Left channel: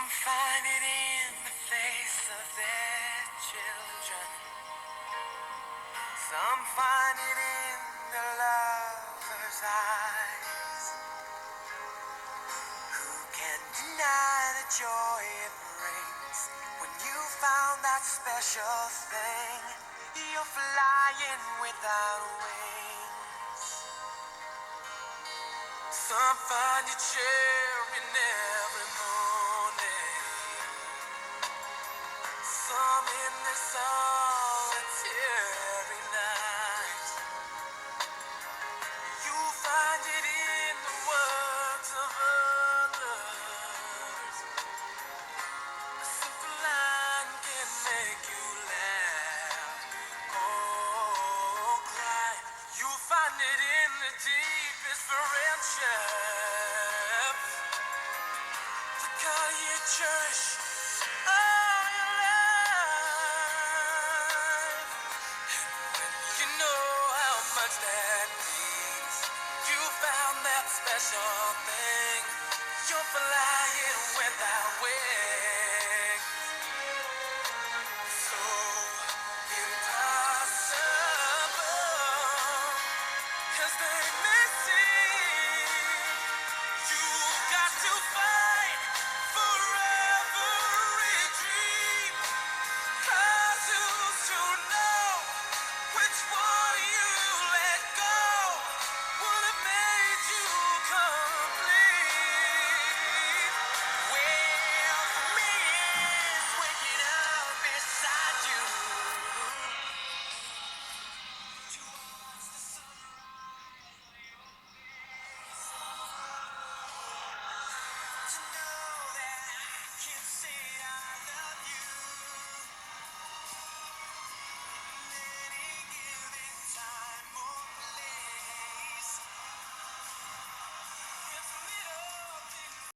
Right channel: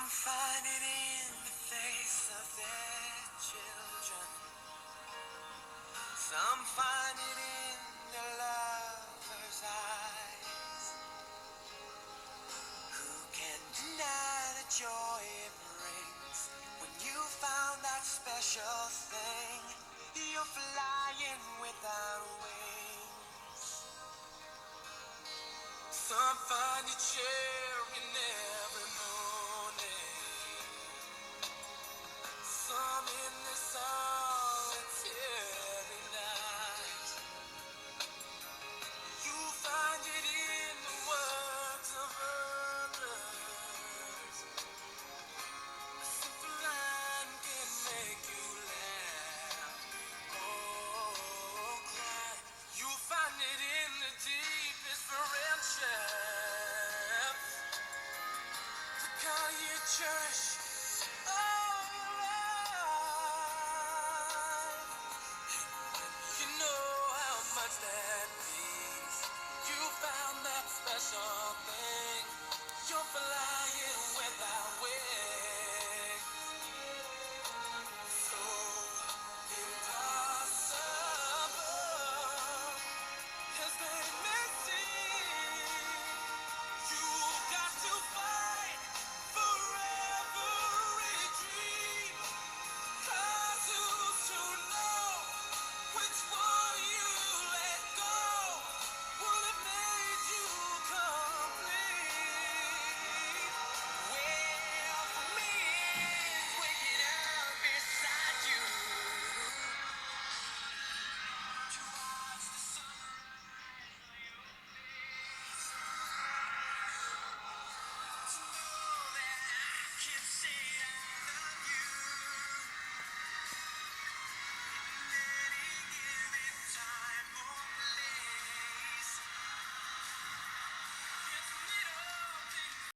Some find it in the face of their children. Some find it in the lover's eyes. Who can deny the joy it brings when you found that special thing? You're flying without wings. Some find you cheering every morning. Some in the solitary night. You find it in the words of others. A simple line can make you laugh or cry. You find it in the deepest friendships. The kind you cherish all your life. You know how much that means. You found that special thing. You're flying without wings.